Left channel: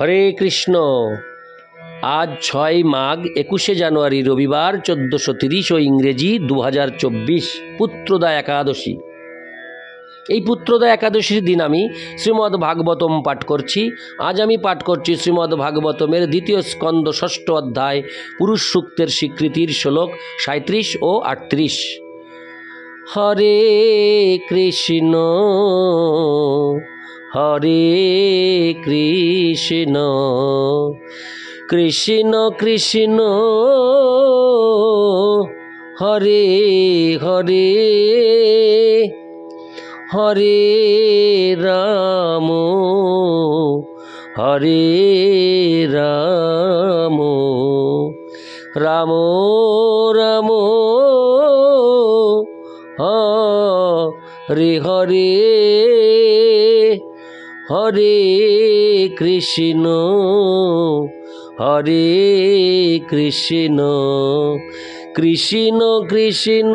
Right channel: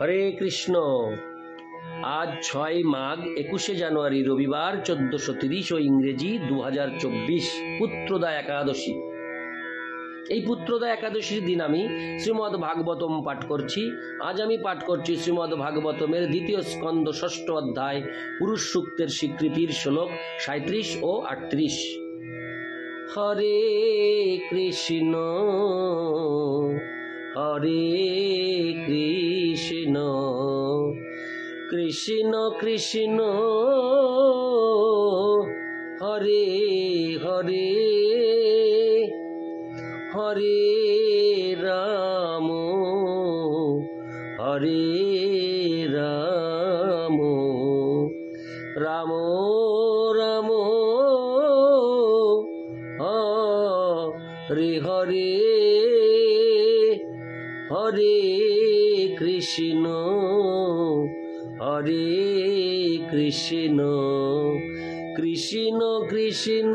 হরে কৃষ্ণ। আজ 6 মাঘ 21 জানুয়ারি রবিবার 1430 ও ইংরেজি 2024 পুত্রদা একাদশী। এই পুত্রদা একাদশীর দিন আমি শ্রীমদ্ ভাগবতম পাঠ করছি। আজ আমি পাঠ করছি শ্রীমদ্ ভাগবতমের 2য় স্কন্দ 6ষ্ঠ অধ্যায় পুরুষ সূক্তের স্বীকৃতির শ্লোক 37 ও 38। হরে কৃষ্ণ হরে কৃষ্ণ কৃষ্ণ কৃষ্ণ হরে হরে হরে রাম হরে রাম রাম রাম হরে হরে হরে কৃষ্ণ হরে কৃষ্ণ কৃষ্ণ কৃষ্ণ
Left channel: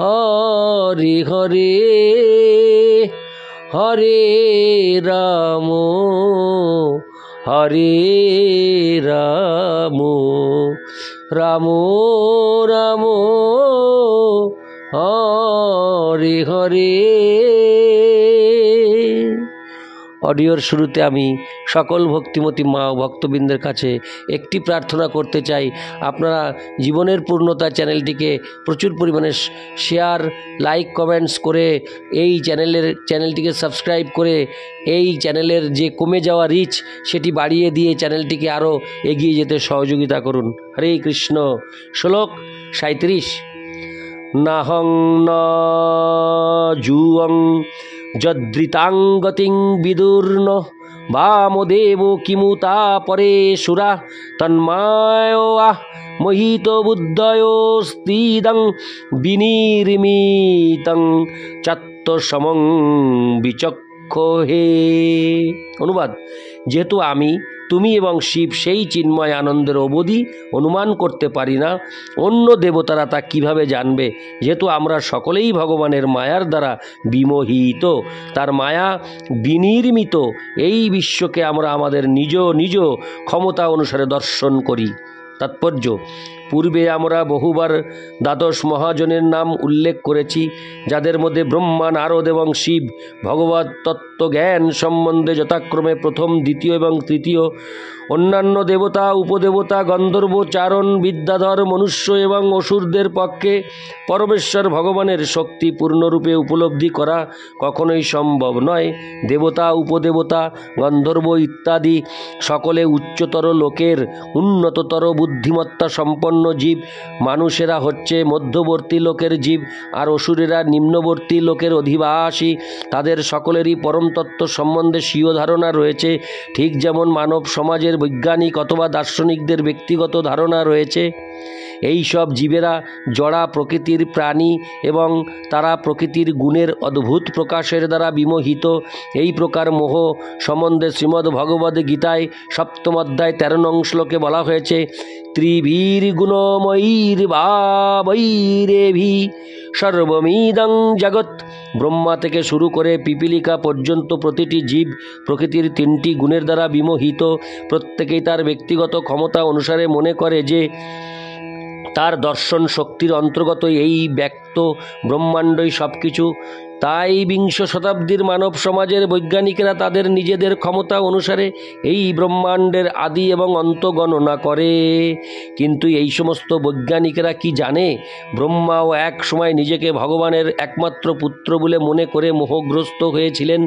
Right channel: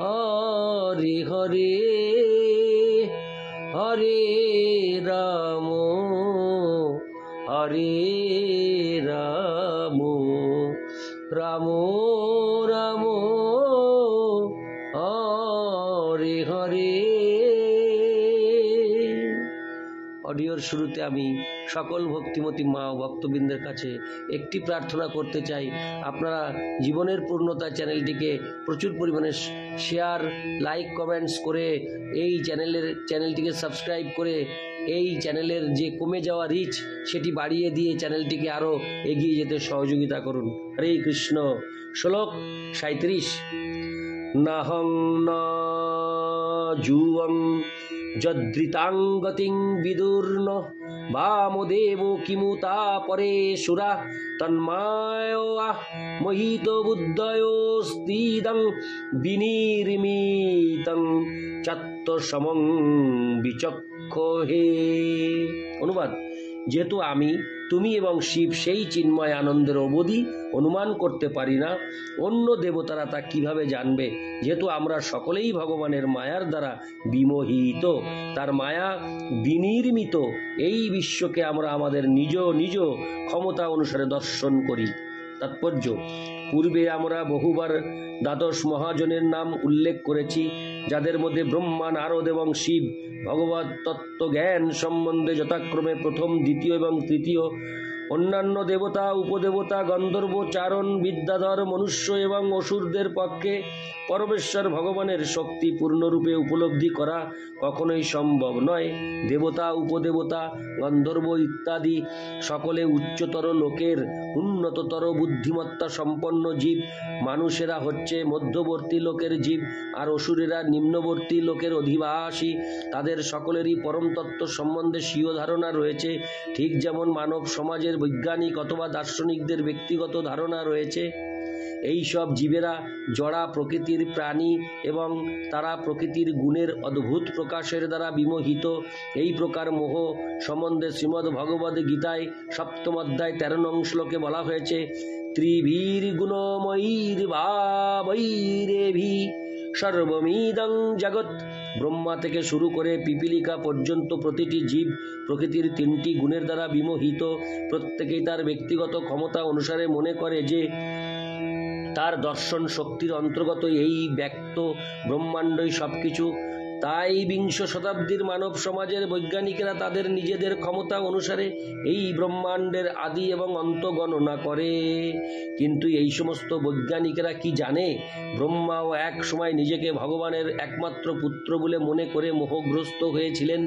হরে হরে হরে রাম হরে রাম রাম রাম হরে হরে। অডিওর শুরুতে আমি সকল ভক্তিমতী মা ভক্তবৃন্দের কাছে একটি প্রার্থনা করতে চাই, আপনারা জীবনের পূর্ণতা চ্যানেলটিকে প্রচুর পরিমাণে শেয়ার, লাইক, কমেন্টস করে এই চ্যানেলটিকে সাবস্ক্রাইব করে এই চ্যানেলের যে কমে যাওয়া রিচ সেটি বাড়িয়ে দিয়ে চ্যানেলটিকে আরও এগিয়ে যেতে সহযোগিতা করুন। হরে কৃষ্ণ। শ্লোক 37। নাহং ন জুয়ং যদৃতাং গতিং বিদুর্ন বামদেব কিমুতা পরে সুরা তন্মায়া মোহিত বুদ্ধয়োস্তিদং বিনির্মিতং চাত্তসমং বিচক্ষহে। অনুবাদ: যেহেতু আমি, তুমি এবং শিব সেই চিন্ময় আনন্দের অবধি অনুমান করতে পারি না, অন্য দেবতারা তা কিভাবে জানবে? যেহেতু আমরা সকলেই ভগবানের মায়ার দ্বারা বিমোহিত, তার মায়া বিনির্মিত এই বিশ্বকে আমরা আমাদের নিজ নিজ ক্ষমতা অনুসারে দর্শন করি। তাৎপর্য: পূর্বে আমরা বহুবার দ্বাদশ মহাজনের নাম উল্লেখ করেছি, যাদের মধ্যে ব্রহ্মা, নারদ এবং শিব ভগবত তত্ত্বজ্ঞান সম্বন্ধে যথাক্রমে প্রথম, দ্বিতীয় এবং তৃতীয়। অন্যান্য দেবতা, উপদেবতা, গন্ধর্ব, চারণ, বিদ্যাধর, মনুষ্য এবং অসুরদের পক্ষে পরমেশ্বর ভগবানের শক্তি পূর্ণরূপে উপলব্ধি করা কখনোই সম্ভব নয়। দেবতা, উপদেবতা, গন্ধর্ব ইত্যাদি সকলে উচ্চতর লোকের উন্নততর বুদ্ধিমত্তা সম্পন্ন জীব। মানুষেরা হচ্ছে মধ্যবর্তী লোকের জীব, আর অসুরেরা নিম্নবর্তী লোকের অধিবাসী। তাদের সকলেরই পরম তত্ত্ব সম্বন্ধে স্বীয় ধারণা রয়েছে, ঠিক যেমন মানব সমাজের বৈজ্ঞানিক অথবা দার্শনিকদের ব্যক্তিগত ধারণা রয়েছে। এই সব জীবেরা জড়া প্রকৃতির প্রাণী এবং তারা প্রকৃতির গুণের অদ্ভুত প্রকাশের দ্বারা বিমোহিত। এই প্রকার মোহ সম্বন্ধে শ্রীমদ্ ভগবদ্ গীতায় 7ম অধ্যায় 13 নং শ্লোকে বলা হয়েছে, ত্রিভীর গুণময়ীর ভাবৈরেভি সর্বমিদং জগৎ। ব্রহ্মা থেকে শুরু করে পিপীলিকা পর্যন্ত প্রতিটি জীব প্রকৃতির 3টি গুণের দ্বারা বিমোহিত। প্রত্যেকেই তার ব্যক্তিগত ক্ষমতা অনুসারে মনে করে যে তার দর্শন শক্তির অন্তর্গত এই ব্যক্ত ব্রহ্মাণ্ডই সব কিছু। তাই বিংশ শতাব্দীর মানব সমাজের বৈজ্ঞানিকেরা তাদের নিজেদের ক্ষমতা অনুসারে এই ব্রহ্মাণ্ডের আদি এবং অন্ত গণনা করে। কিন্তু এই সমস্ত বৈজ্ঞানিকেরা কি জানে, ব্রহ্মাও এক সময় নিজেকে ভগবানের একমাত্র পুত্র বলে মনে করে মোহগ্রস্ত হয়েছিলেন।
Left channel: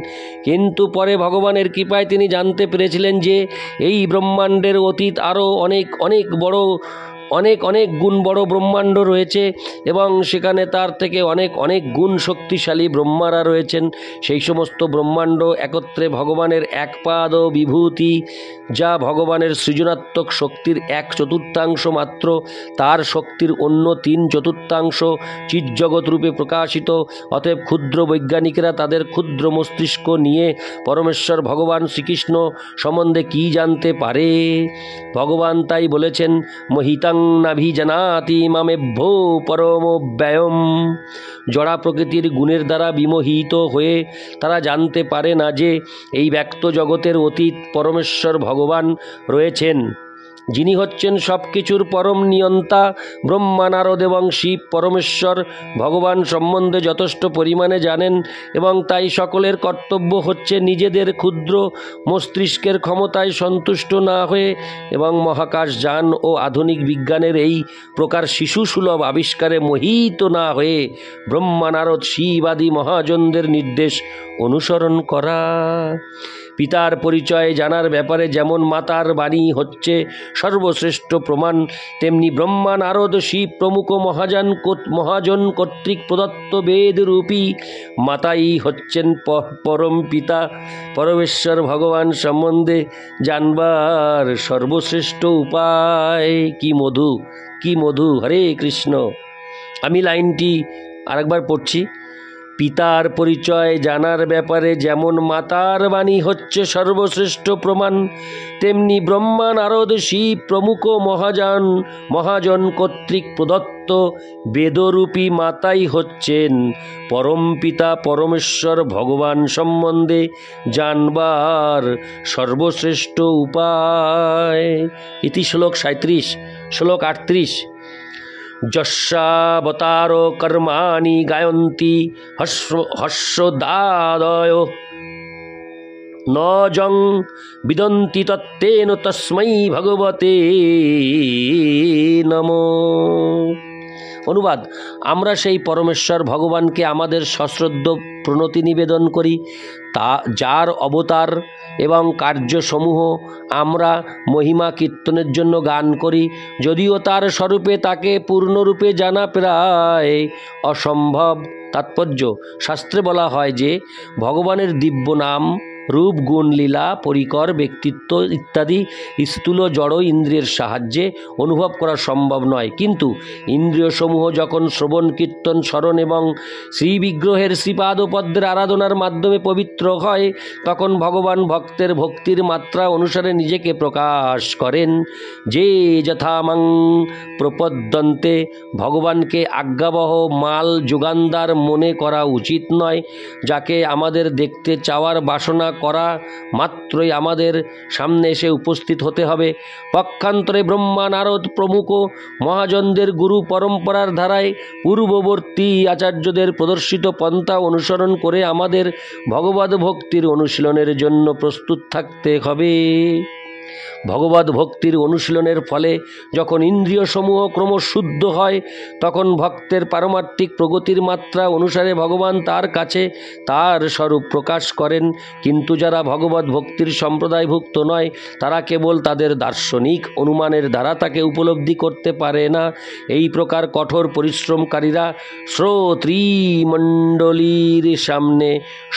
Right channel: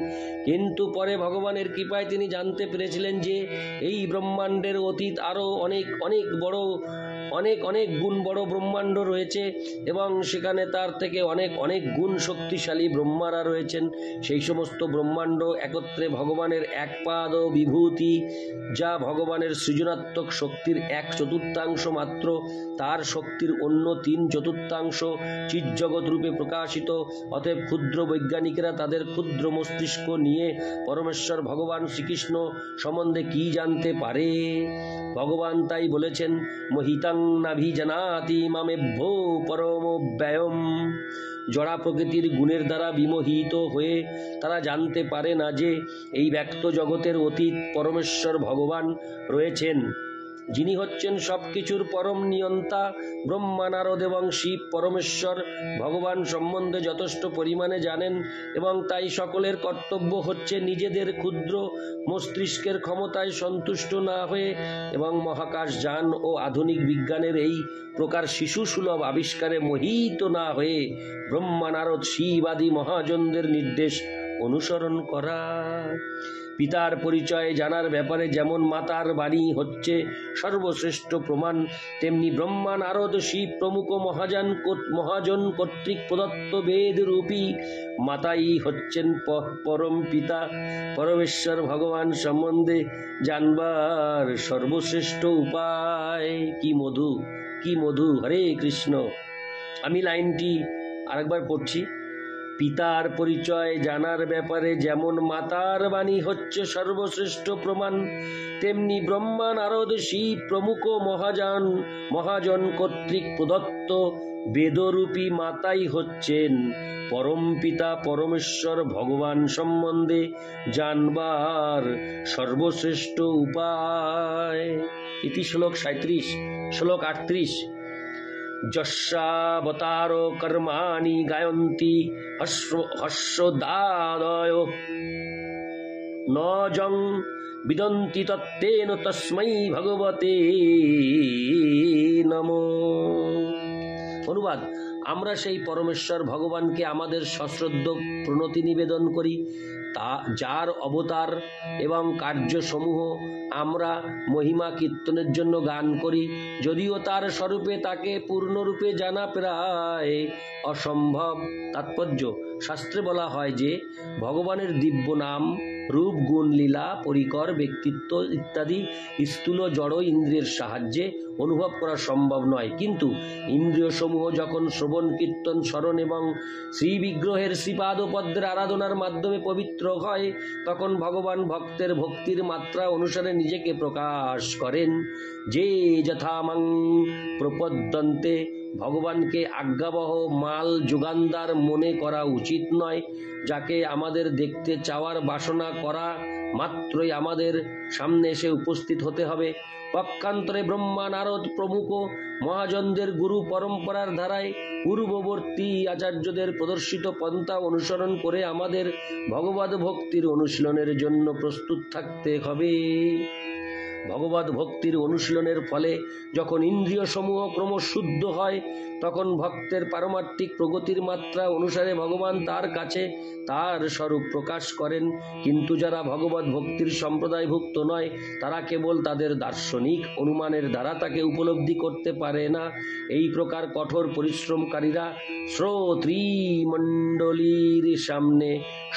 কিন্তু পরে ভগবানের কৃপায় তিনি জানতে পেরেছিলেন যে এই ব্রহ্মাণ্ডের অতীত আরও অনেক গুণ বড় ব্রহ্মাণ্ড রয়েছে এবং সেখানে তার থেকে অনেক গুণ শক্তিশালী ব্রহ্মারা রয়েছেন। সেই সমস্ত ব্রহ্মাণ্ড একত্রে ভগবানের একপাদ বিভূতি, যা ভগবানের সৃজনাত্মক শক্তির 1/4 মাত্র। তার শক্তির অন্য 3/4 চিৎজগৎ রূপে প্রকাশিত। অতএব ক্ষুদ্র বৈজ্ঞানিকেরা তাদের ক্ষুদ্র মস্তিষ্ক নিয়ে পরমেশ্বর ভগবান শ্রীকৃষ্ণ সম্বন্ধে কি জানতে পারে? ভগবান তাই বলেছেন, মহিতাং নাভিজানাতি মামেভ্যো পরমব্যয়ম। জড়া প্রকৃতির গুণের দ্বারা বিমোহিত হয়ে তারা জানতে পারে না যে এই ব্যক্ত জগতের অতীত পরমেশ্বর ভগবান রয়েছেন, যিনি হচ্ছেন সব কিছুর পরম নিয়ন্তা। ব্রহ্মা, নারদ এবং শিব পরমেশ্বর ভগবান সম্বন্ধে যথেষ্ট পরিমাণে জানেন এবং তাই সকলের কর্তব্য হচ্ছে নিজেদের ক্ষুদ্র মস্তিষ্কের ক্ষমতায় সন্তুষ্ট না হয়ে এবং মহাকাশযান ও আধুনিক বিজ্ঞানের এই প্রকার শিশুসুলভ আবিষ্কারে মোহিত না হয়ে ব্রহ্মা, নারদ, শিব আদি মহাজনদের নির্দেশ অনুসরণ করা। পিতার পরিচয় জানার ব্যাপারে যেমন মাতার বাণী হচ্ছে সর্বশ্রেষ্ঠ প্রমাণ, তেমনি ব্রহ্মা, নারদ, শিব প্রমুখ মহাজন কর্তৃক প্রদত্ত বেদরূপী মাতাই হচ্ছেন পরম পিতা। পরমেশ্বর ভগবান সম্বন্ধে জানবার সর্বশ্রেষ্ঠ উপায়। কি মধু, কি মধু! হরে কৃষ্ণ। আমি লাইনটি আরেকবার পড়ছি। পিতার পরিচয় জানার ব্যাপারে যেমন মাতার বাণী হচ্ছে সর্বশ্রেষ্ঠ প্রমাণ, তেমনি ব্রহ্মা, নারদ, শিব প্রমুখ মহাজন কর্তৃক প্রদত্ত বেদরূপী মাতাই হচ্ছেন পরম পিতা। পরমেশ্বর ভগবান সম্বন্ধে জানবার সর্বশ্রেষ্ঠ উপায়। ইতি শ্লোক 37। শ্লোক 38। যস্যাবতার কর্মাণি গায়ন্তি হর্ষোদাদয় ন যং বিদন্তি তত্তেন তস্मै ভগবতে নমো। অনুবাদ: আমরা সেই পরমেশ্বর ভগবানকে আমাদের সশ্রদ্ধ প্রণতি নিবেদন করি, যার অবতার এবং কার্যসমূহ আমরা মহিমা কীর্তনের জন্য গান করি। যদিও তার স্বরূপে তাকে পূর্ণরূপে জানা প্রায় অসম্ভব। তাৎপর্য: শাস্ত্রে বলা হয় যে ভগবানের দিব্য নাম, রূপ, গুণ, লীলা, পরিকর, ব্যক্তিত্ব ইত্যাদি স্থূল জড় ইন্দ্রিয়ের সাহায্যে অনুভব করা সম্ভব নয়। কিন্তু ইন্দ্রিয়সমূহ যখন শ্রবণ, কীর্তন, স্মরণ এবং শ্রীবিগ্রহের শ্রীপাদপদ্মের আরাধনার মাধ্যমে পবিত্র হয়, তখন ভগবান ভক্তের ভক্তির মাত্রা অনুসারে নিজেকে প্রকাশ করেন। যে যথামাং প্রপদ্যন্তে, ভগবানকে আজ্ঞাবহ মাল যোগানদার মনে করা উচিত নয়। যাকে আমাদের দেখতে চাওয়ার বাসনা করা মাত্রই আমাদের সামনে এসে উপস্থিত হতে হবে। পক্ষান্তরে ব্রহ্মা, নারদ প্রমুখ মহাজনদের গুরু পরম্পরার ধারায় পূর্ববর্তী আচার্যদের প্রদর্শিত পন্থা অনুসরণ করে আমাদের ভগবদ ভক্তির অনুশীলনের জন্য প্রস্তুত থাকতে হবে। ভগবদ ভক্তির অনুশীলনের ফলে যখন ইন্দ্রিয়সমূহ ক্রমশ শুদ্ধ হয়, তখন ভক্তের পারমার্থিক প্রগতির মাত্রা অনুসারে ভগবান তার কাছে তার স্বরূপ প্রকাশ করেন। কিন্তু যারা ভগবদ ভক্তির সম্প্রদায়ভুক্ত নয়, তারা কেবল তাদের দার্শনিক অনুমানের দ্বারা তাকে উপলব্ধি করতে পারে না। এই প্রকার কঠোর পরিশ্রমকারীরা শ্রোতৃমণ্ডলীর সামনে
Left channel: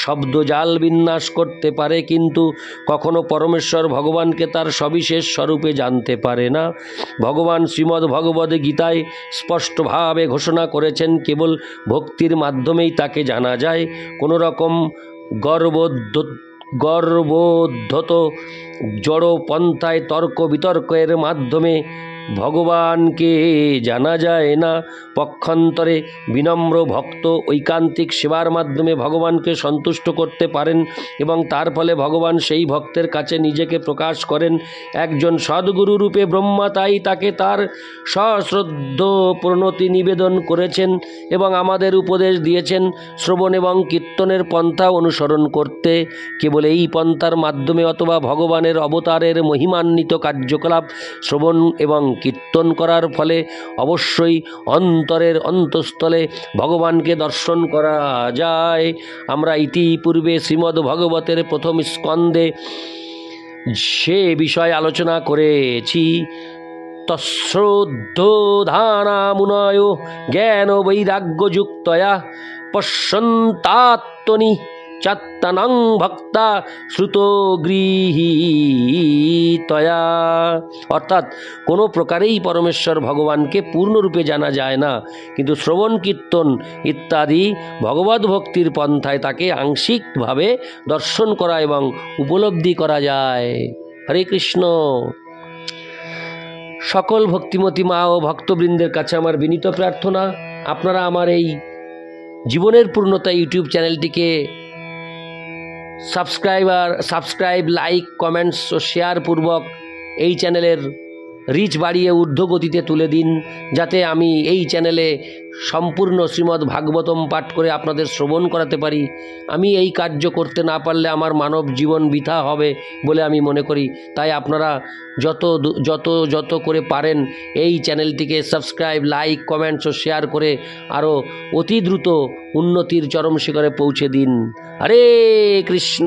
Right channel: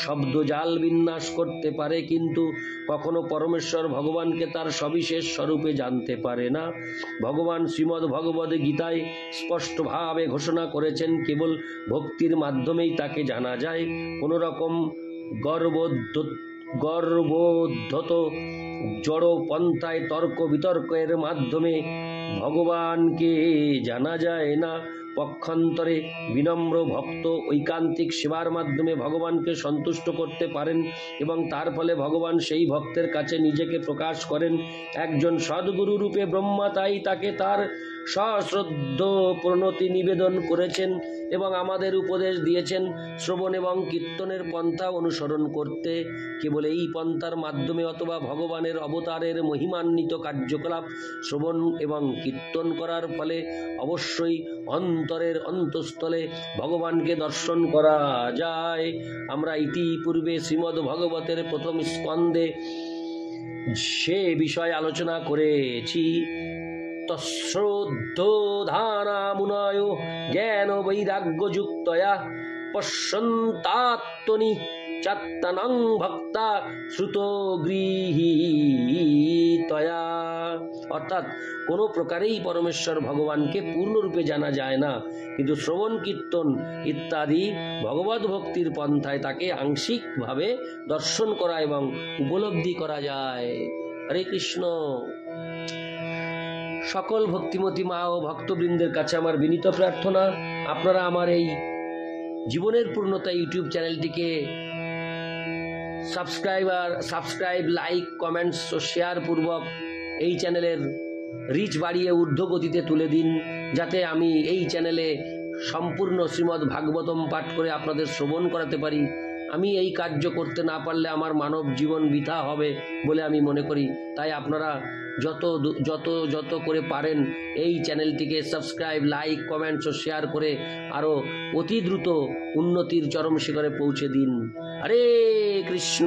শব্দজাল বিন্যাস করতে পারে, কিন্তু কখনো পরমেশ্বর ভগবানকে তার সবিশেষ স্বরূপে জানতে পারে না। ভগবান শ্রীমদ্ ভগবদ গীতায় স্পষ্টভাবে ঘোষণা করেছেন, কেবল ভক্তির মাধ্যমেই তাকে জানা যায়। কোনো রকম গর্বোদ্ধত জড় পন্থায় তর্ক বিতর্কের মাধ্যমে ভগবানকে জানা যায় না। পক্ষান্তরে বিনম্র ভক্ত ঐকান্তিক সেবার মাধ্যমে ভগবানকে সন্তুষ্ট করতে পারেন এবং তার ফলে ভগবান সেই ভক্তের কাছে নিজেকে প্রকাশ করেন। একজন সদ্গুরু রূপে ব্রহ্মা তাই তাকে তার সশ্রদ্ধ প্রণতি নিবেদন করেছেন এবং আমাদের উপদেশ দিয়েছেন শ্রবণ এবং কীর্তনের পন্থা অনুসরণ করতে। কেবল এই পন্থার মাধ্যমে অথবা ভগবানের অবতারের মহিমান্বিত কার্যকলাপ শ্রবণ এবং কীর্তন করার ফলে অবশ্যই অন্তরের অন্তঃস্থলে ভগবানকে দর্শন করা যায়। আমরা ইতিপূর্বে শ্রীমদ্ ভগবতের প্রথম স্কন্ধে সে বিষয় আলোচনা করেছি। তশ্রদ্ধধানামুনয় জ্ঞান বৈরাগ্যযুক্তয়া পশ্যন্তাত্মনি চাত্তানাং ভক্তা শ্রুত গৃহীতয়া। অর্থাৎ কোনো প্রকারেই পরমেশ্বর ভগবানকে পূর্ণরূপে জানা যায় না, কিন্তু শ্রবণ, কীর্তন ইত্যাদি ভগবদ ভক্তির পন্থায় তাকে আংশিকভাবে দর্শন করা এবং উপলব্ধি করা যায়। হরে কৃষ্ণ। সকল ভক্তিমতী মা ও ভক্তবৃন্দের কাছে আমার বিনীত প্রার্থনা, আপনারা আমার এই জীবনের পূর্ণতা ইউটিউব চ্যানেলটিকে সাবস্ক্রাইব, লাইক, কমেন্টস ও শেয়ার পূর্বক এই চ্যানেলের রিচ বাড়িয়ে ঊর্ধ্বগতিতে তুলে দিন, যাতে আমি এই চ্যানেলে সম্পূর্ণ শ্রীমদ্ ভাগবতম পাঠ করে আপনাদের শ্রবণ করাতে পারি। আমি এই কার্য করতে না পারলে আমার মানব জীবন বৃথা হবে বলে আমি মনে করি। তাই আপনারা যত করে পারেন এই চ্যানেলটিকে সাবস্ক্রাইব, লাইক, কমেন্টস ও শেয়ার করে আরও অতি দ্রুত উন্নতির চরম শিখরে পৌঁছে দিন। হরে কৃষ্ণ।